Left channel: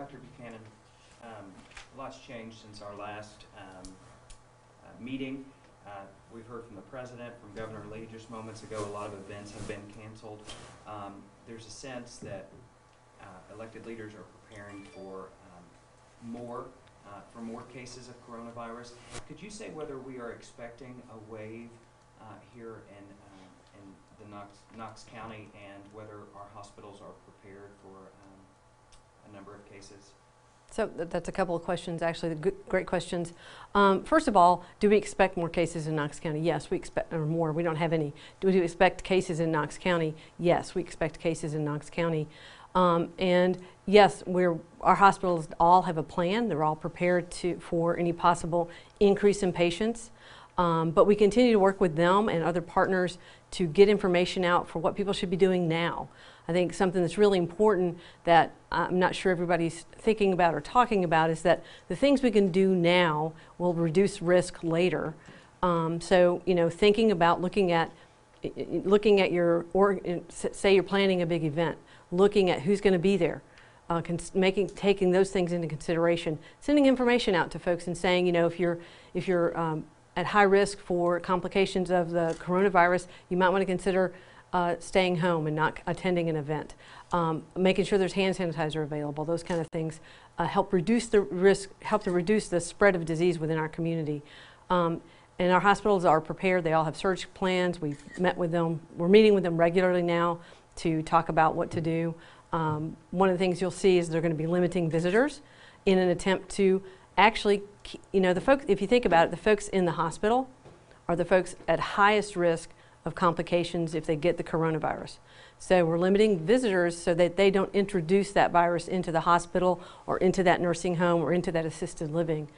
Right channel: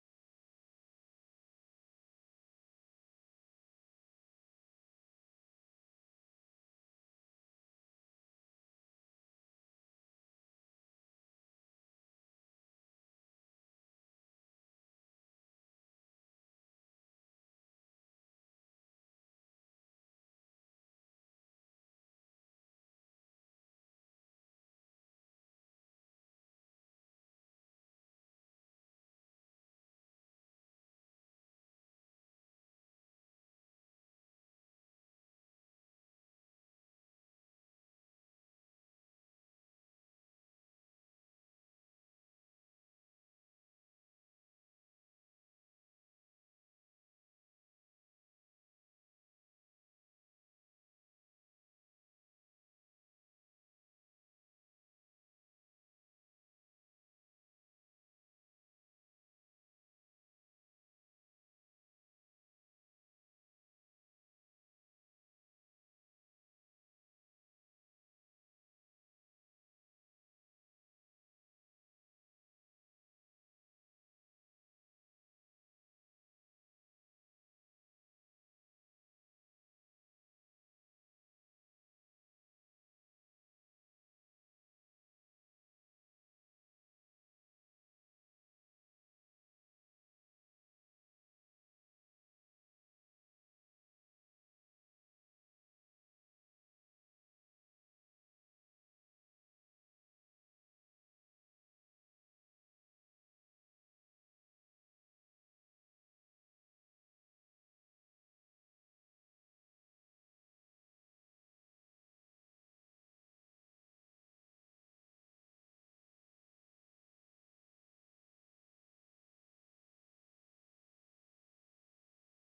Dr. Buchanan, a lot's changed since our last meeting. We've heard from the President, from Governor Lee just moments ago. A lot of events have been canceled. There's a sense that elected leaders are preparing for more cases of coronavirus. Could you say whether we are expecting a wave here in the Knox County, and whether our hospitals are prepared for a number of cases? So that's a couple of questions, actually, great questions. First of all, do we expect more cases in Knox County? Yes, we expect, or more. We don't have any. Do we expect cases in Knox County? Yes, we expect cases in Knox County. And yes, our hospitals all have a plan. They're all prepared for any possible increase in patients. But we continue to work with them and other partners to get information out for what people should be doing now. I think something that's really important that I'm not sure everybody's thinking about or talking about is that the things we can do now will reduce risk later. So, you know, thinking about looking at your, say you're planning a big event, looking at who's going to be there, taking those things into consideration, sending information out to folks and saying, you know, if you're at high risk for complications of the coronavirus, you might want to consider staying home and not attending an event. Making sure there's hand sanitizer available, those kind of things help reduce the risk, help to reduce the spread of disease within our community. And our hospitals are prepared. They all have surge plans. We've met with them. We're meeting with them regularly now to talk about what to do. One of the things you'll see is they're going to be limiting visitors in an attempt to actually, you know, the folks, if you think about it, the folks in the hospital are the folks at highest risk of complications if they get the coronavirus. So we're limiting visitors so that they don't introduce that virus into the hospital or into that nursing home or into that assisted living.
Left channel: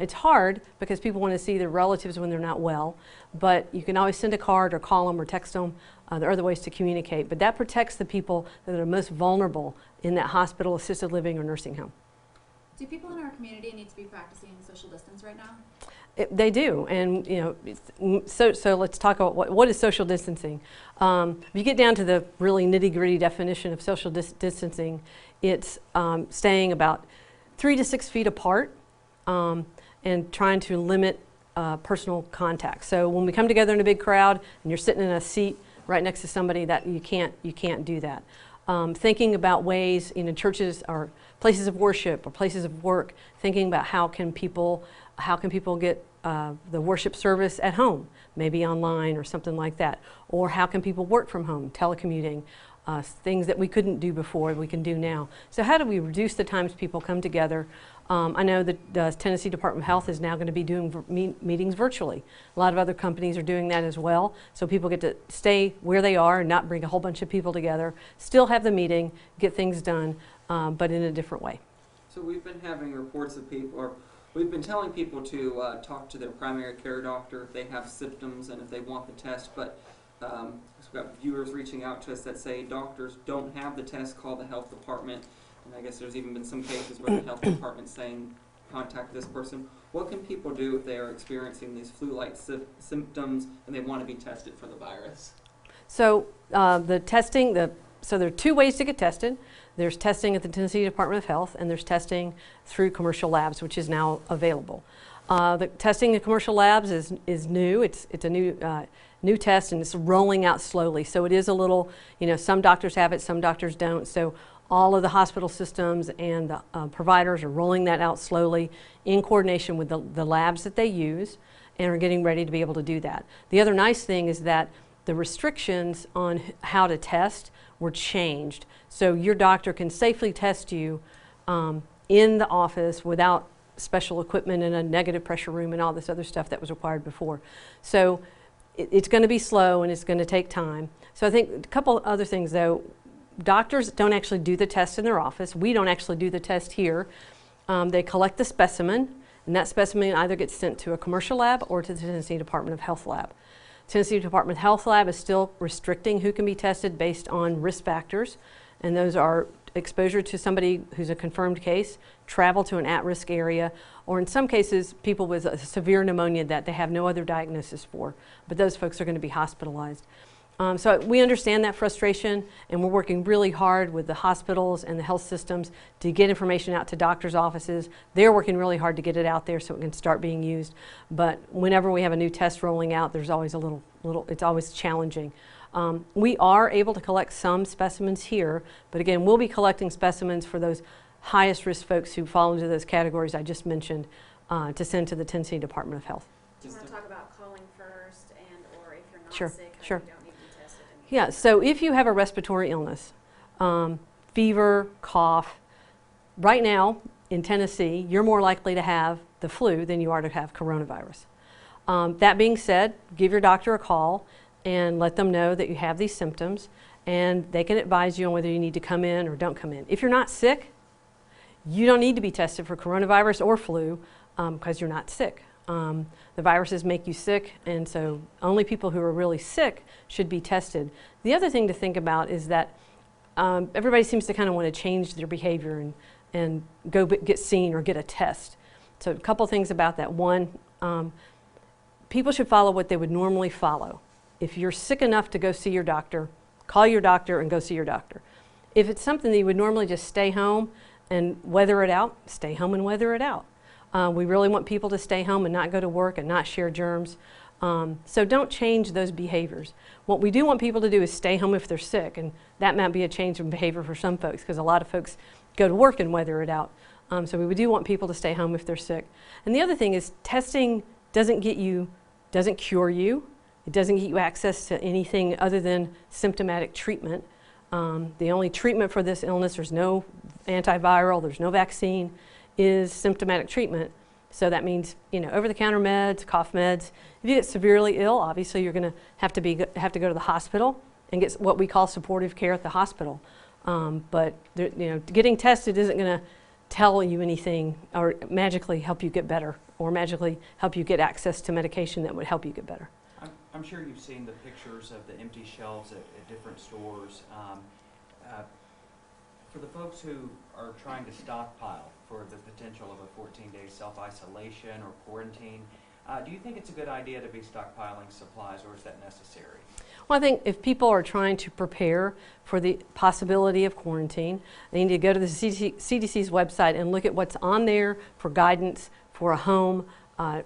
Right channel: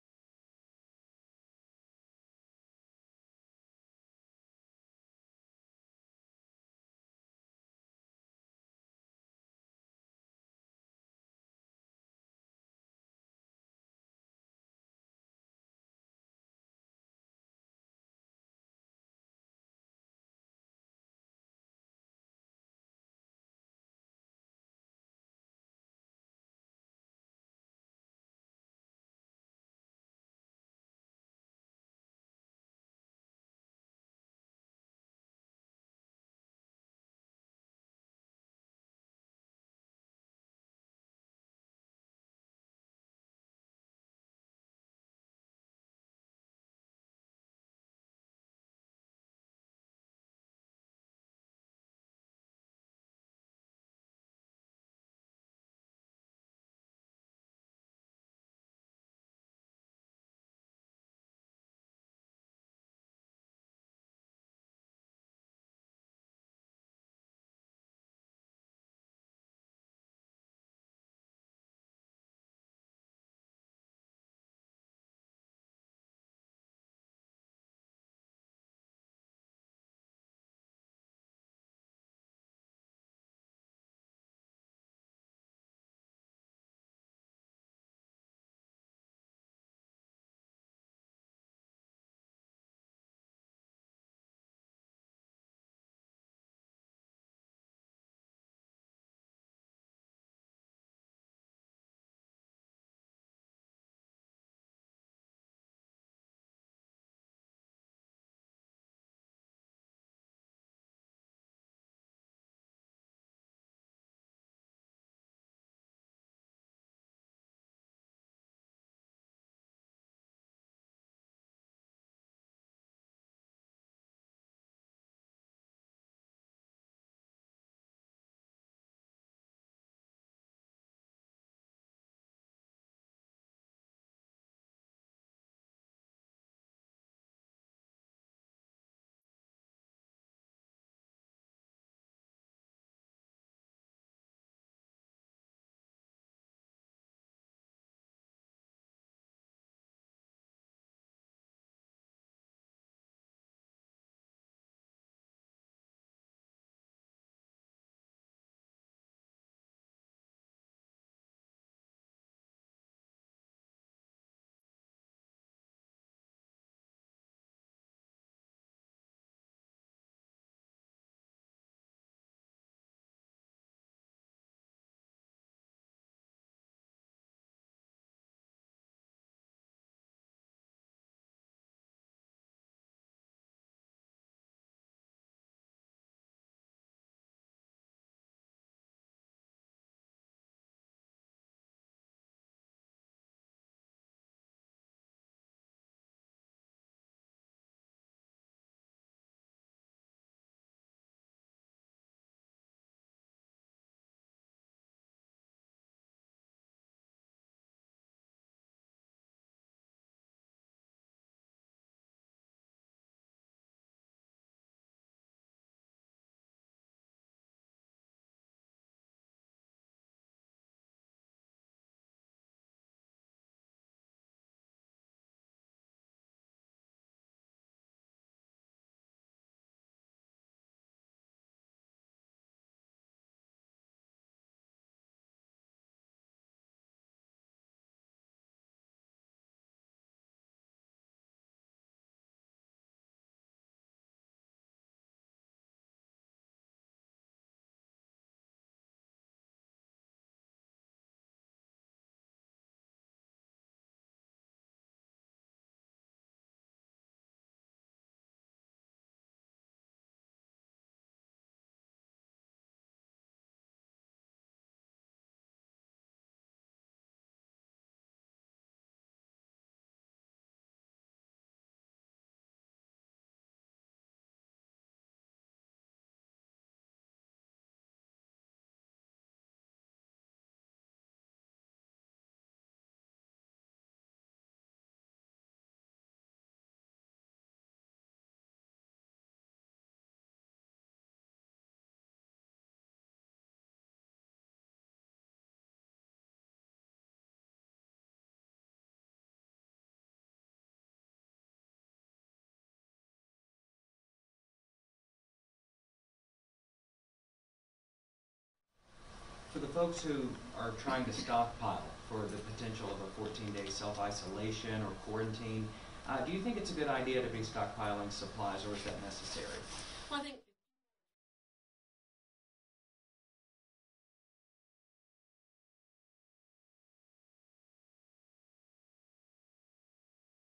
It's hard because people want to see their relatives when they're not well, but you can always send a card or call them or text them. There are other ways to communicate, but that protects the people that are most vulnerable in that hospital, assisted living, or nursing home. Do people in our community need to be practicing social distance right now? They do, and you know, so let's talk about what is social distancing. If you get down to the really nitty-gritty definition of social distancing, it's staying about 3 to 6 feet apart and trying to limit personal contact. So when we come together in a big crowd and you're sitting in a seat right next to somebody, that you can't do that. Thinking about ways, you know, churches or places of worship or places of work, thinking about how can people get the worship service at home, maybe online or something like that, or how can people work from home, telecommuting, things that we couldn't do before we can do now. So how do we reduce the times people come together? I know that the Tennessee Department of Health is now going to be doing meetings virtually. A lot of other companies are doing that as well, so people get to stay where they are and not bring a whole bunch of people together, still have the meeting, get things done, but in a different way. So we've been having reports of people, or we've been telling people to talk to their primary care doctor if they have symptoms and if they want the test, but we've got viewers reaching out to us that say doctors don't have the test, call the health department. And I guess there's even been some cases where the health department's saying, contact this person. What can people do if they are experiencing these flu-like symptoms and they want to be tested for the virus? So the testing, so there are 2 ways to get tested. There's testing at the Tennessee Department of Health, and there's testing through commercial labs, which is now available. The testing in commercial labs is new. It's a new test, and it's rolling out slowly. So it is a little, you know, some doctors have it, some doctors don't. So all of the hospital systems and the providers are rolling that out slowly in coordination with the labs that they use, and are getting ready to be able to do that. The other nice thing is that the restrictions on how to test were changed. So your doctor can safely test you in the office without special equipment in a negative pressure room and all this other stuff that was required before. So it's going to be slow and it's going to take time. So I think a couple other things though. Doctors don't actually do the test in their office. We don't actually do the test here. They collect the specimen, and that specimen either gets sent to a commercial lab or to the Tennessee Department of Health lab. Tennessee Department of Health lab is still restricting who can be tested based on risk factors, and those are exposure to somebody who's a confirmed case, travel to an at-risk area, or in some cases people with a severe pneumonia that they have no other diagnosis for, but those folks are going to be hospitalized. So we understand that frustration, and we're working really hard with the hospitals and the health systems to get information out to doctors' offices. They're working really hard to get it out there so it can start being used. But whenever we have a new test rolling out, there's always a little it's always challenging. We are able to collect some specimens here, but again, we'll be collecting specimens for those highest risk folks who fall into those categories I just mentioned to send to the Tennessee Department of Health. Do you want to talk about calling first, and or if you're not Sure, sick, how sure. you don't need to be tested? Yeah, so if you have a respiratory illness, fever, cough, right now in Tennessee, you're more likely to have the flu than you are to have coronavirus. That being said, give your doctor a call and let them know that you have these symptoms, and they can advise you on whether you need to come in or don't come in. If you're not sick, you don't need to be tested for coronavirus or flu because you're not sick. The viruses make you sick, and so only people who are really sick should be tested. The other thing to think about is that everybody seems to kind of want to change their behavior and go get seen or get a test. So a couple things about that. One, people should follow what they would normally follow. If you're sick enough to go see your doctor, call your doctor and go see your doctor. If it's something that you would normally just stay home and weather it out, stay home and weather it out. We really want people to stay home and not go to work and not share germs. So don't change those behaviors. What we do want people to do is stay home if they're sick, and that might be a change in behavior for some folks because a lot of folks go to work and weather it out. So we do want people to stay home if they're sick. And the other thing is testing doesn't cure you. It doesn't get you access to anything other than symptomatic treatment. The only treatment for this illness, there's no antiviral, there's no vaccine, is symptomatic treatment. So that means, over-the-counter meds, cough meds. If you get severely ill, obviously you're going to have to go to the hospital and get what we call supportive care at the hospital. But getting tested isn't going to tell you anything or magically help you get better or magically help you get access to medication that would help you get better. I'm sure you've seen the pictures of the empty shelves at different stores. For the folks who are trying to stockpile for the potential of a 14-day self-isolation or quarantine, do you think it's a good idea to be stockpiling supplies, or is that necessary? Well, I think if people are trying to prepare for the possibility of quarantine, they need to go to the CDC's website and look at what's on there for guidance for a home,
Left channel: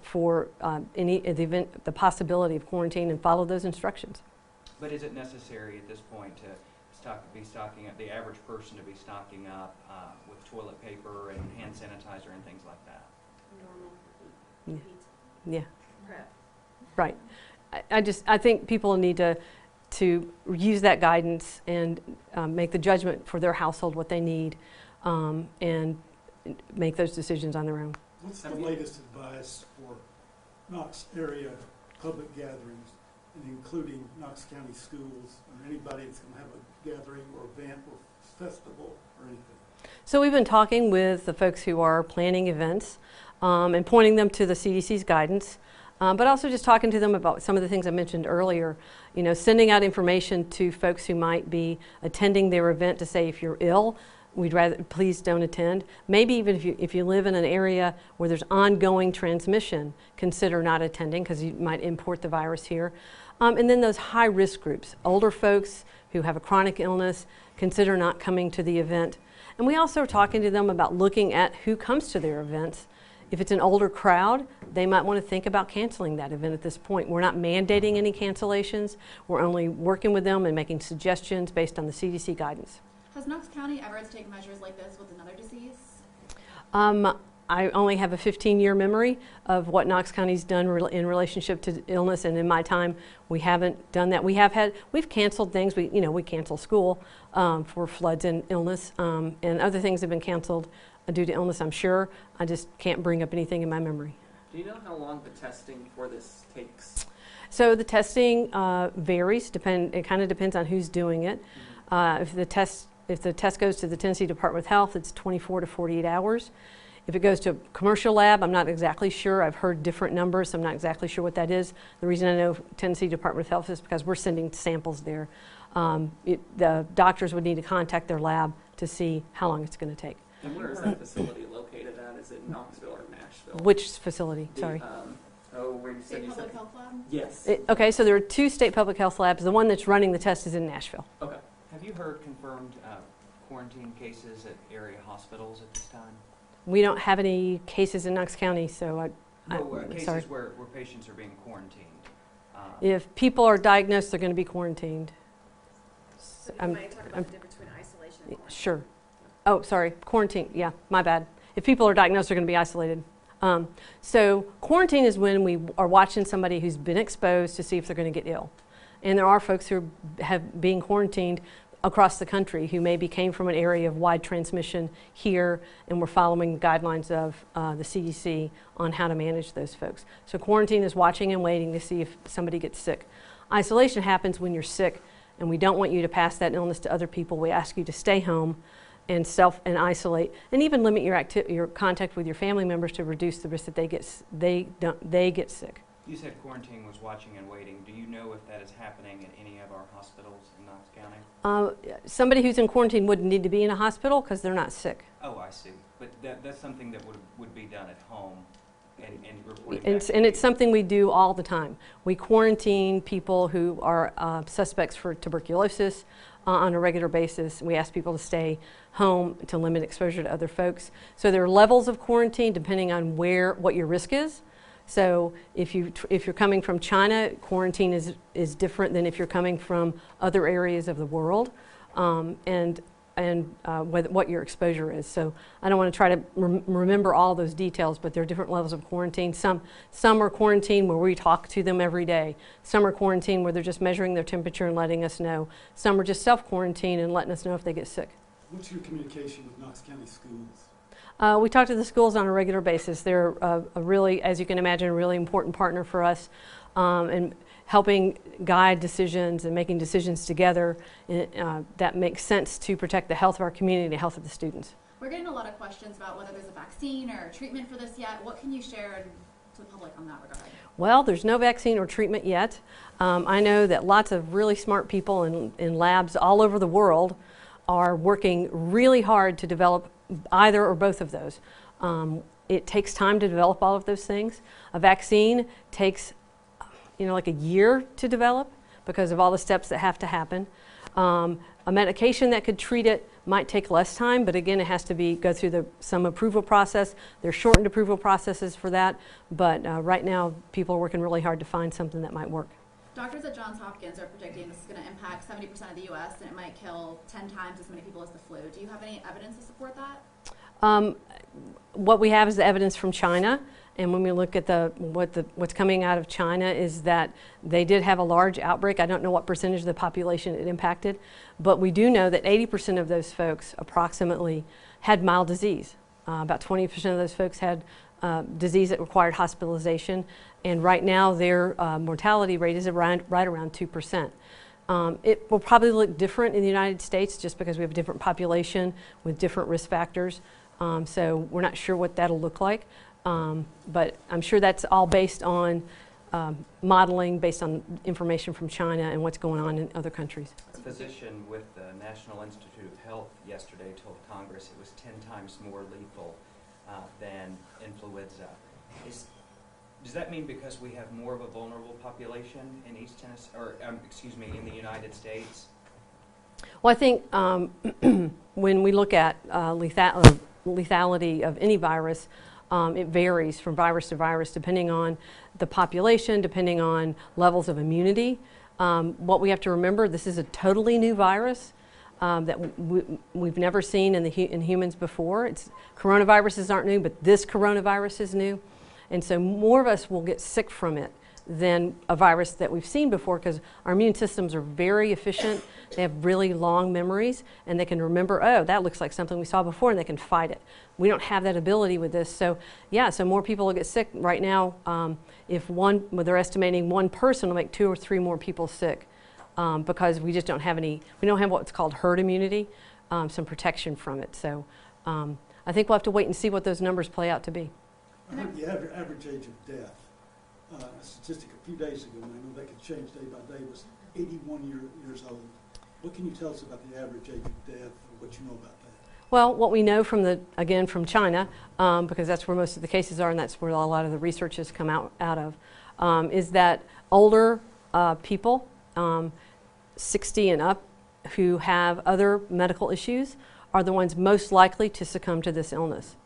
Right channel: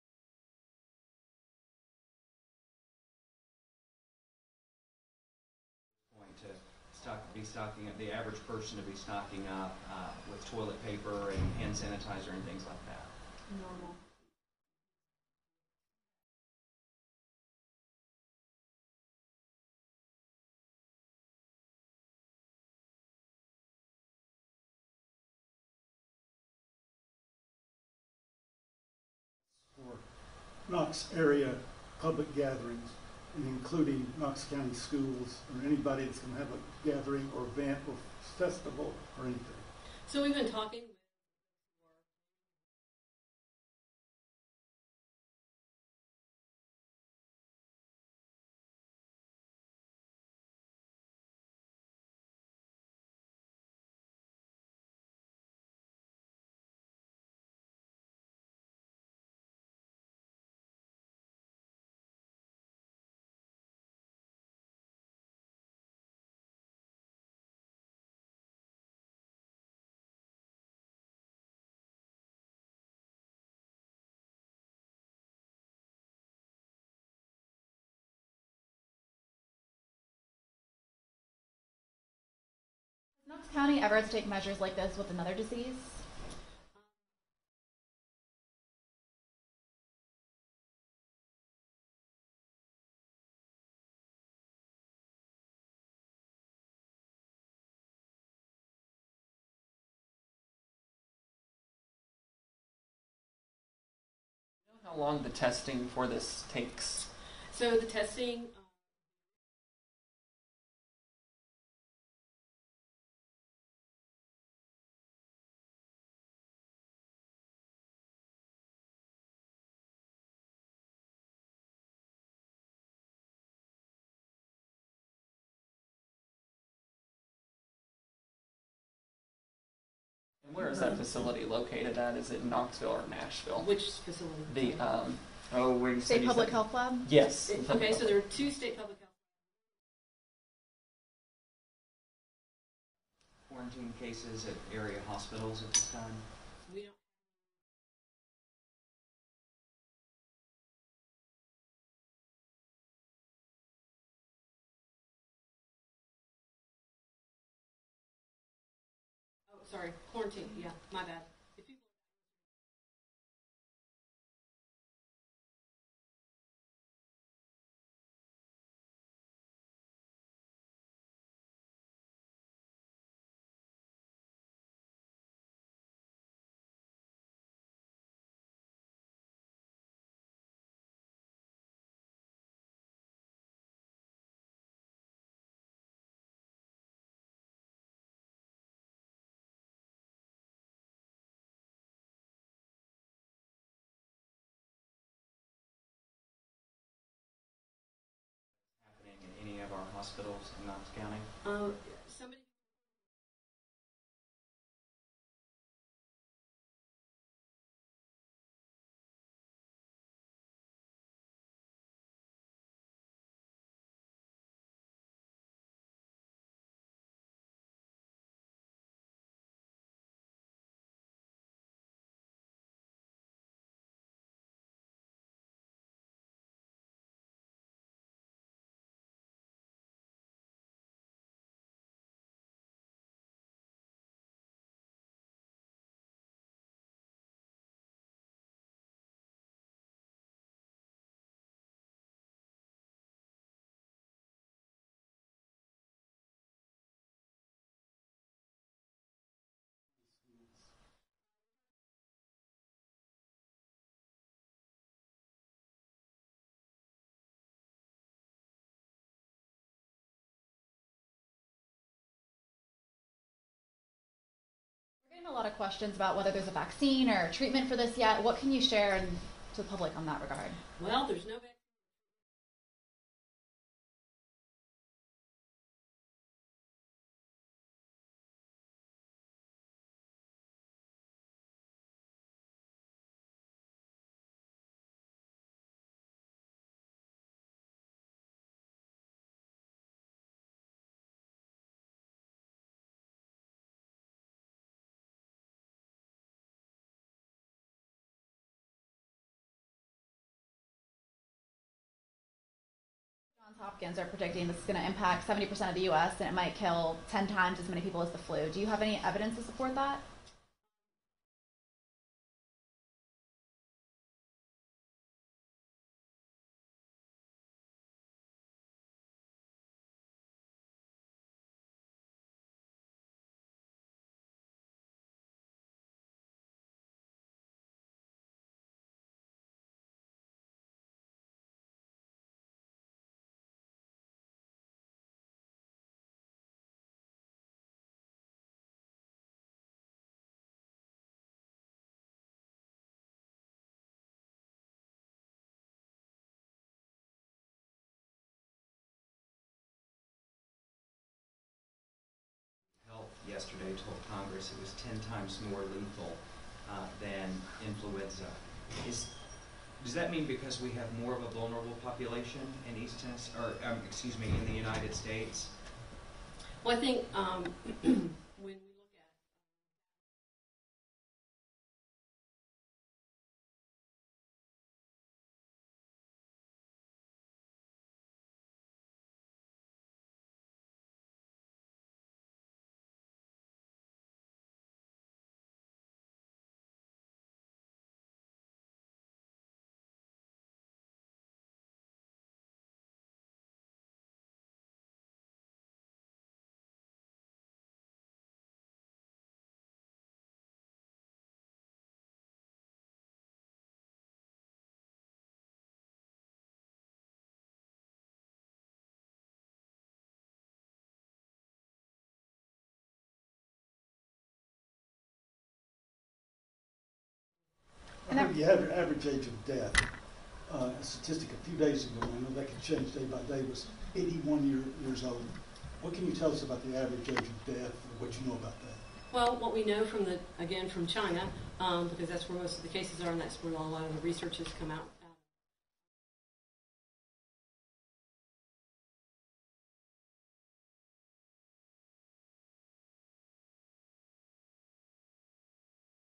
for the possibility of quarantine, and follow those instructions. But is it necessary at this point to be stocking up, the average person to be stocking up with toilet paper and hand sanitizer and things like that? Normal. Yeah, Prep. right. I think people need to use that guidance and make the judgment for their household what they need and make those decisions on their own. What's the latest advice for Knox area public gatherings, and including Knox County schools or anybody that's going to have a gathering or event or festival or anything? So we've been talking with the folks who are planning events and pointing them to the CDC's guidance, but also just talking to them about some of the things I mentioned earlier. Sending out information to folks who might be attending their event to say, if you're ill, we'd rather please don't attend. Maybe even if you live in an area where there's ongoing transmission, consider not attending because you might import the virus here. And then those high-risk groups, older folks who have a chronic illness, consider not coming to the event. And we also are talking to them about looking at who comes to their events. If it's an older crowd, they might want to think about canceling that event at this point. We're not mandating any cancellations. We're only working with them and making suggestions based on the CDC guidance. Has Knox County ever had to take measures like this with another disease? I only have a 15-year memory of what Knox County's done in relationship to illness, and in my time, we haven't done that. We've canceled things. We cancel school for floods and illness, and other things have been canceled due to illness, I'm sure. I just can't bring up anything in my memory. Do you know how long the testing for this takes? So the testing varies. It kind of depends on who's doing it. If the test goes to the Tennessee Department of Health, it's 24 to 48 hours. If it goes to a commercial lab, I'm not exactly sure. I've heard different numbers, so I'm not exactly sure what that is. The reason I know Tennessee Department of Health is because we're sending samples there. The doctors would need to contact their lab to see how long it's going to take. And where is that facility located at? Is it Knoxville or Nashville? Which facility? The, Sorry. Oh, wait, you said State you Public said- Health Lab? Yes. Okay, so there are 2 state public health labs. The one that's running the test is in Nashville. Okay. Have you heard confirmed quarantine cases at area hospitals at this time? We don't have any cases in Knox County, so No, sorry. cases where patients are being quarantined. If people are diagnosed, they're going to be quarantined. So I'm- you might talk about I'm- the difference between isolation and quarantine. Sure. Oh, sorry, quarantine, yeah, my bad. If people are diagnosed, they're going to be isolated. So quarantine is when we are watching somebody who's been exposed to see if they're going to get ill. And there are folks who have been quarantined across the country who maybe came from an area of wide transmission here, and we're following the guidelines of the CDC on how to manage those folks. So quarantine is watching and waiting to see if somebody gets sick. Isolation happens when you're sick and we don't want you to pass that illness to other people. We ask you to stay home and isolate, and even limit your contact with your family members to reduce the risk that they get sick. You said quarantine was watching and waiting. Do you know if that is happening at any of our hospitals in Knox County? Somebody who's in quarantine wouldn't need to be in a hospital because they're not sick. Oh, I see. But that's something that would be done at home and reporting And back to it's you. something we do all the time. We quarantine people who are suspects for tuberculosis on a regular basis. We ask people to stay home to limit exposure to other folks. So there are levels of quarantine depending on what your risk is. So if you're coming from China, quarantine is different than if you're coming from other areas of the world, and what your exposure is. So I don't want to try to remember all those details, but there are different levels of quarantine. Some are quarantine where we talk to them every day. Some are quarantine where they're just measuring their temperature and letting us know. Some are just self-quarantine and letting us know if they get sick. What's your communication with Knox County schools? We talk to the schools on a regular basis. They're a really, as you can imagine, a really important partner for us, and helping guide decisions and making decisions together that makes sense to protect the health of our community and the health of the students. We're getting a lot of questions about whether there's a vaccine or treatment for this yet. What can you share to the public on that regard? Well, there's no vaccine or treatment yet. I know that lots of really smart people in labs all over the world are working really hard to develop either or both of those. It takes time to develop all of those things. A vaccine takes, like a year to develop because of all the steps that have to happen. A medication that could treat it might take less time, but again, it has to go through some approval process. There's shortened approval processes for that, but right now, people are working really hard to find something that might work. Doctors at Johns Hopkins are predicting this is going to impact 70% of the U.S. and it might kill 10 times as many people as the flu. Do you have any evidence to support that? What we have is the evidence from China, and when we look at what's coming out of China is that they did have a large outbreak. I don't know what percentage of the population it impacted, but we do know that 80% of those folks approximately had mild disease. About 20% of those folks had disease that required hospitalization, and right now their mortality rate is right around 2%. It will probably look different in the United States just because we have a different population with different risk factors. So we're not sure what that'll look like, but I'm sure that's all based on modeling, based on information from China and what's going on in other countries. A physician with the National Institute of Health yesterday told Congress it was 10 times more lethal than influenza. Does that mean because we have more of a vulnerable population in East Tennessee, or in the United States? Well, I think when we look at lethality of any virus, it varies from virus to virus depending on the population, depending on levels of immunity. What we have to remember, this is a totally new virus that we've never seen in humans before. Coronaviruses aren't new, but this coronavirus is new. And so more of us will get sick from it than a virus that we've seen before because our immune systems are very efficient. They have really long memories, and they can remember, oh, that looks like something we saw before, and they can fight it. We don't have that ability with this. So, yeah, so more people will get sick. Right now, they're estimating one person will make 2 or 3 more people sick because we just don't have we don't have what's called herd immunity, some protection from it. So I think we'll have to wait and see what those numbers play out to be. I heard the average age of death, a statistic a few days ago, I know that could change day by day, was 81 years old. What can you tell us about the average age of death, or what you know about that? Well, what we know from China, because that's where most of the cases are and that's where a lot of the research has come out of, is that older people, 60 and up, who have other medical issues are the ones most likely to succumb to this illness.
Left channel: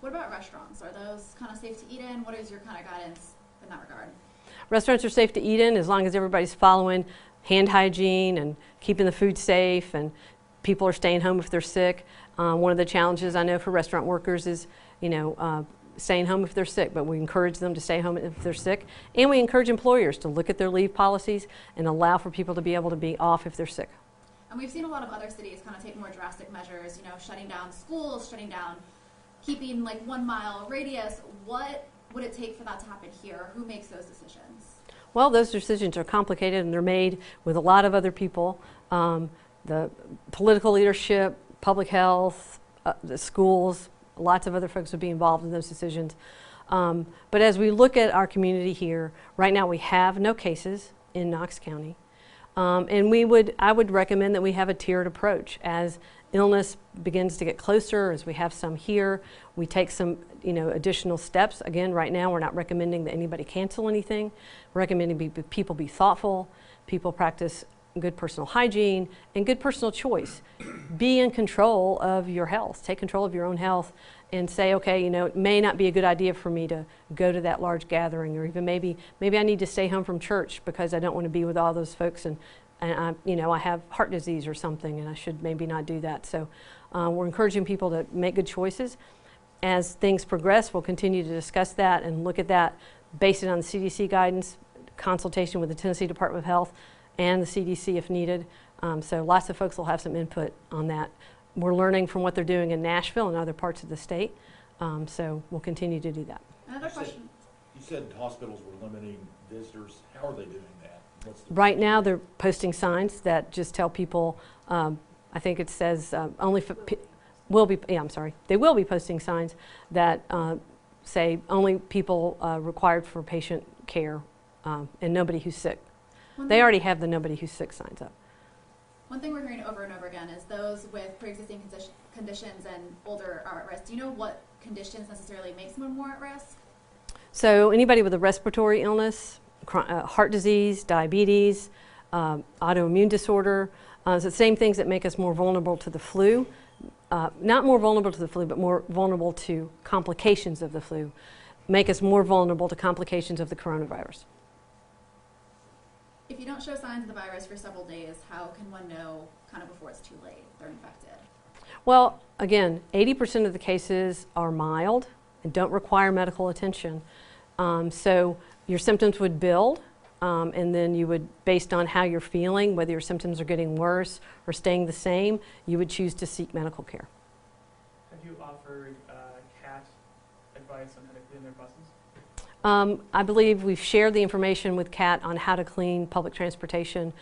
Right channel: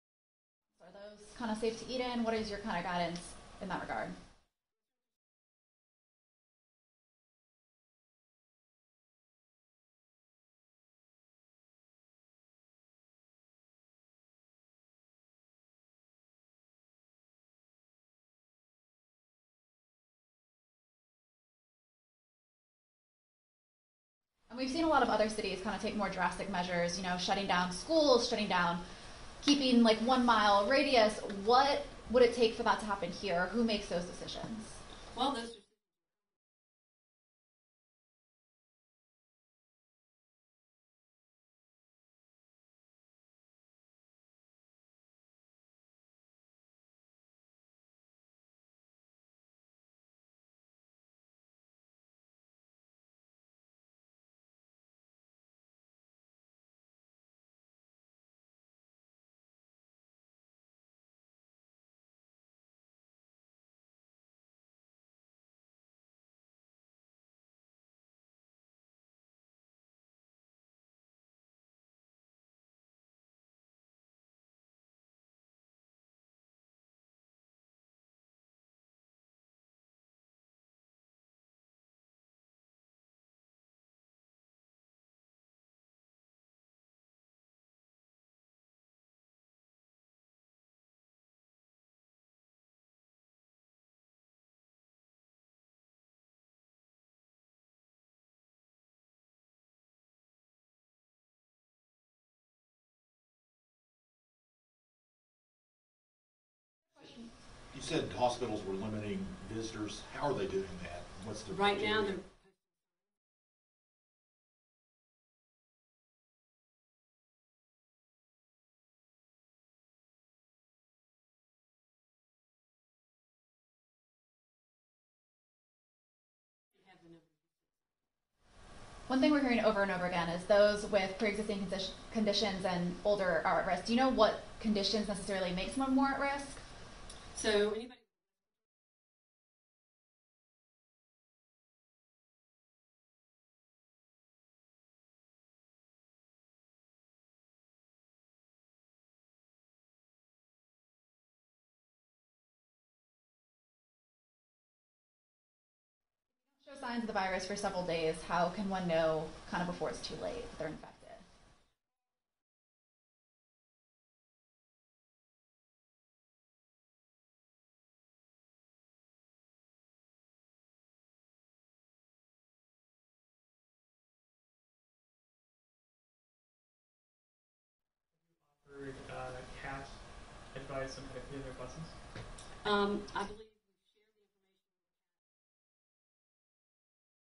What about restaurants? Are those kind of safe to eat in? What is your kind of guidance in that regard? Restaurants are safe to eat in as long as everybody's following hand hygiene and keeping the food safe, and people are staying home if they're sick. One of the challenges I know for restaurant workers is, staying home if they're sick, but we encourage them to stay home if they're sick. And we encourage employers to look at their leave policies and allow for people to be able to be off if they're sick. And we've seen a lot of other cities kind of take more drastic measures, shutting down schools, shutting down, keeping like 1 mile radius. What would it take for that to happen here? Who makes those decisions? Well, those decisions are complicated and they're made with a lot of other people. The political leadership, public health, the schools, lots of other folks would be involved in those decisions. But as we look at our community here, right now we have no cases in Knox County. And I would recommend that we have a tiered approach. As illness begins to get closer, as we have some here, we take some additional steps. Again, right now we're not recommending that anybody cancel anything. We're recommending people be thoughtful, people practice good personal hygiene and good personal choice. Be in control of your health. Take control of your own health and say, okay, it may not be a good idea for me to go to that large gathering, or even maybe I need to stay home from church because I don't want to be with all those folks and I have heart disease or something and I should maybe not do that. So we're encouraging people to make good choices. As things progress, we'll continue to discuss that and look at that, base it on the CDC guidance, consultation with the Tennessee Department of Health and the CDC if needed. So lots of folks will have some input on that. We're learning from what they're doing in Nashville and other parts of the state. So we'll continue to do that. Another question. You said hospitals were limiting visitors. How are they doing that? What's the Right now, procedure? they're posting signs that just tell people, I think it says only for, they will be posting signs that say only people required for patient care and nobody who's sick. They already have the nobody who's sick signs up. One thing we're hearing over and over again is those with pre-existing conditions and older are at risk. Do you know what conditions necessarily make someone more at risk? So anybody with a respiratory illness, heart disease, diabetes, autoimmune disorder, it's the same things that make us more vulnerable to the flu. Not more vulnerable to the flu, but more vulnerable to complications of the flu, make us more vulnerable to complications of the coronavirus. If you don't show signs of the virus for several days, how can one know kind of before it's too late they're infected? Well, again, 80% of the cases are mild and don't require medical attention. So your symptoms would build, and then you would, based on how you're feeling, whether your symptoms are getting worse or staying the same, you would choose to seek medical care. Have you offered CAT advice on how to clean their buses? I believe we've shared the information with CAT on how to clean public transportation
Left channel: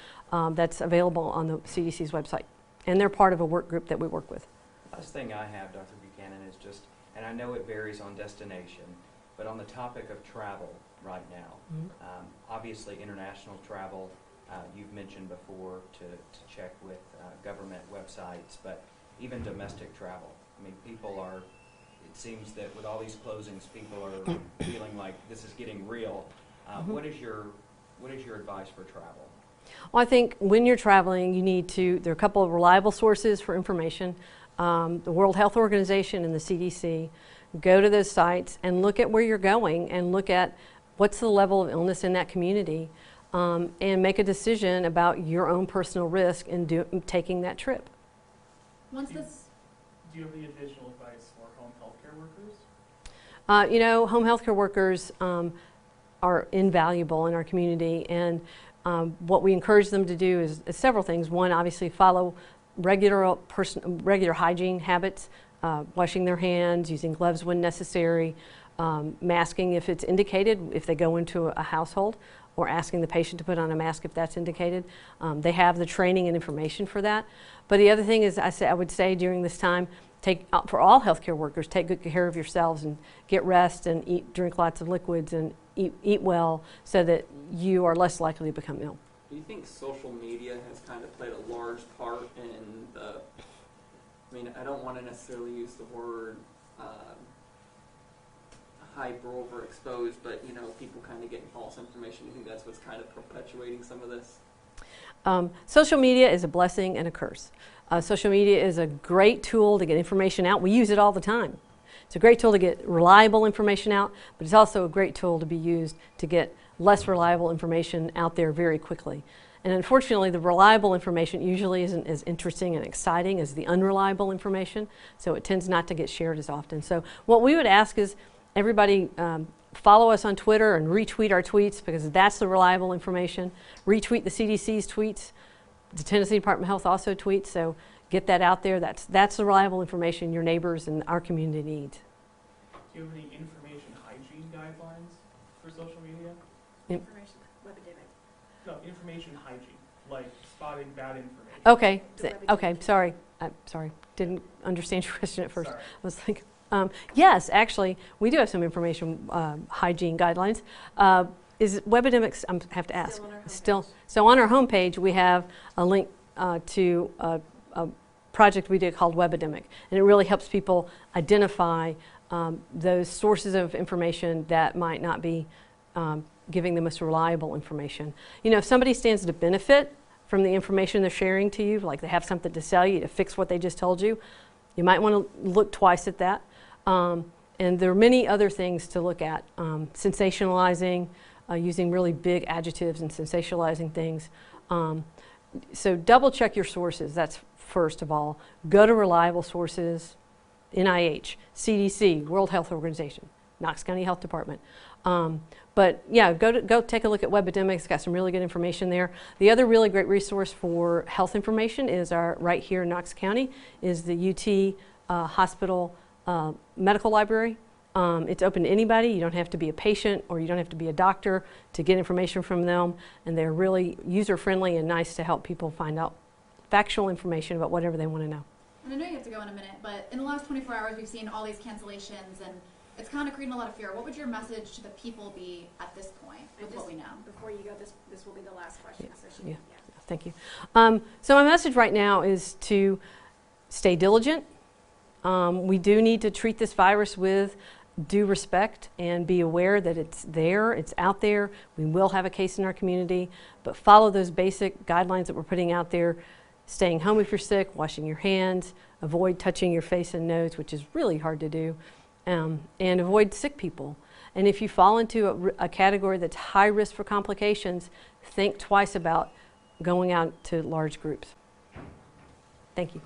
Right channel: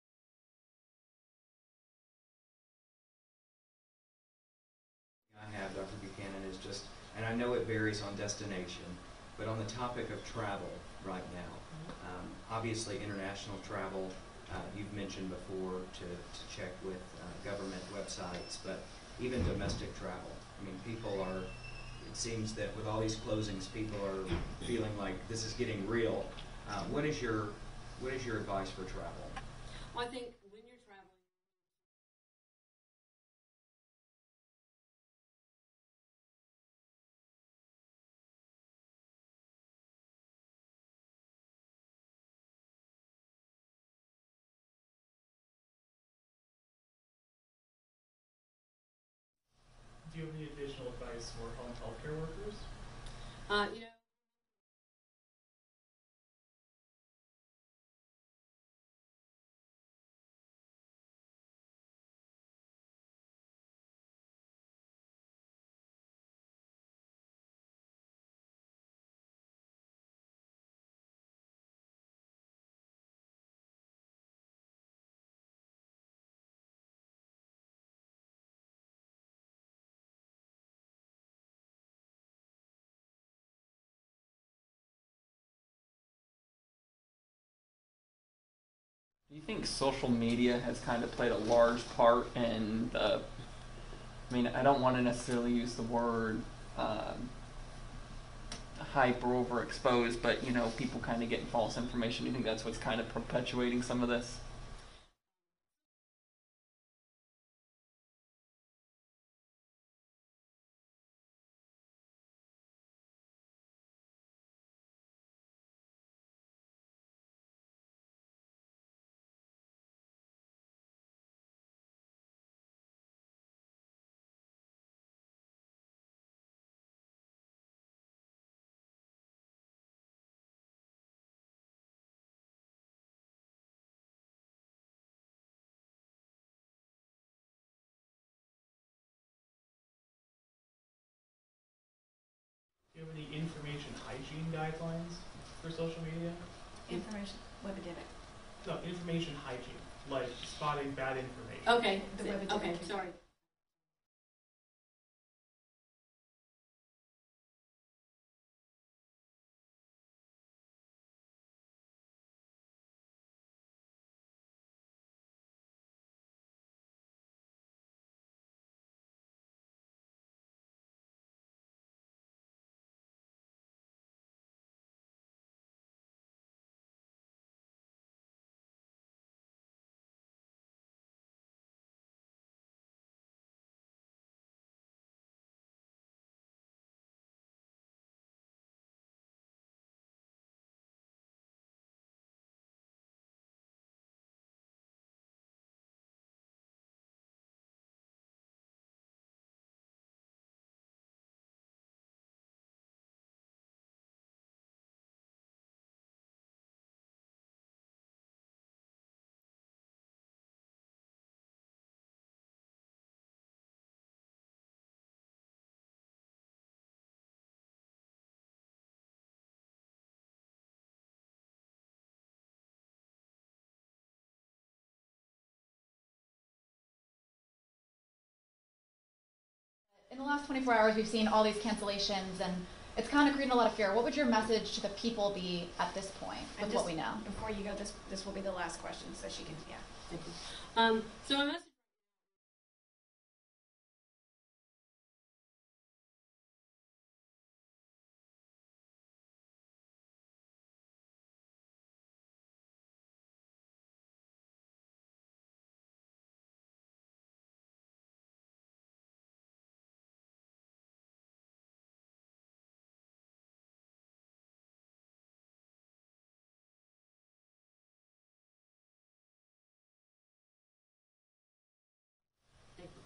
that's available on the CDC's website. And they're part of a work group that we work with. Last thing I have, Dr. Buchanan, is just, and I know it varies on destination, but on the topic of travel right now, obviously international travel, you've mentioned before to check with government websites, but even domestic travel. I mean, people are, it seems that with all these closings, people are feeling like this is getting real. What is your advice for travel? Well, I think when you're traveling, you need to, there are a couple of reliable sources for information. The World Health Organization and the CDC. Go to those sites and look at where you're going and look at what's the level of illness in that community and make a decision about your own personal risk in taking that trip. Once this, Do you have any additional advice for home healthcare workers? Home healthcare workers are invaluable in our community, and what we encourage them to do is several things. One, obviously follow regular hygiene habits, washing their hands, using gloves when necessary, masking if it's indicated, if they go into a household, or asking the patient to put on a mask if that's indicated. They have the training and information for that. But the other thing is, I would say during this time, for all healthcare workers, take good care of yourselves and get rest and drink lots of liquids and eat well so that you are less likely to become ill. Do you think social media has kind of played a large part in the, I don't want to necessarily use the word hype or overexposed, but you know, people kind of getting false information. Do you think that's what's kind of perpetuating some of this? Social media is a blessing and a curse. Social media is a great tool to get information out. We use it all the time. It's a great tool to get reliable information out, but it's also a great tool to be used to get less reliable information out there very quickly. And unfortunately, the reliable information usually isn't as interesting and exciting as the unreliable information, so it tends not to get shared as often. So what we would ask is everybody follow us on Twitter and retweet our tweets, because that's the reliable information. Retweet the CDC's tweets. The Tennessee Department of Health also tweets, so get that out there. That's the reliable information your neighbors and our community needs. Do you have any information hygiene guidelines for social media? Information, webidemic. No, information hygiene, like spotting bad information. Okay, The okay, sorry. I'm sorry, didn't understand your question at first. Sorry. I was like, yes, actually, we do have some information hygiene guidelines. Is Webidemics, I have to ask. Still on our homepage. Still, so on our homepage, we have a link to a project we did called Webidemic, and it really helps people identify those sources of information that might not be giving the most reliable information. You know, if somebody stands to benefit from the information they're sharing to you, like they have something to sell you to fix what they just told you, you might want to look twice at that. And there are many other things to look at. Sensationalizing, using really big adjectives and sensationalizing things. So double check your sources, that's first of all. Go to reliable sources, NIH, CDC, World Health Organization, Knox County Health Department. But yeah, go take a look at Webidemics. It's got some really good information there. The other really great resource for health information is right here in Knox County, is the UT Hospital Medical Library. It's open to anybody. You don't have to be a patient or you don't have to be a doctor to get information from them. And they're really user-friendly and nice to help people find out factual information about whatever they want to know. And I know you have to go in a minute, but in the last 24 hours, we've seen all these cancellations, and it's kind of creating a lot of fear. What would your message to the people be at this point with what we know? Before you go, this will be the last question, so she, Yeah. yeah. Thank you. So my message right now is to stay diligent. We do need to treat this virus with due respect and be aware that it's there, it's out there. We will have a case in our community, but follow those basic guidelines that we're putting out there. Staying home if you're sick, washing your hands, avoid touching your face and nose, which is really hard to do, and avoid sick people. And if you fall into a category that's high risk for complications, think twice about going out to large groups. Thank you.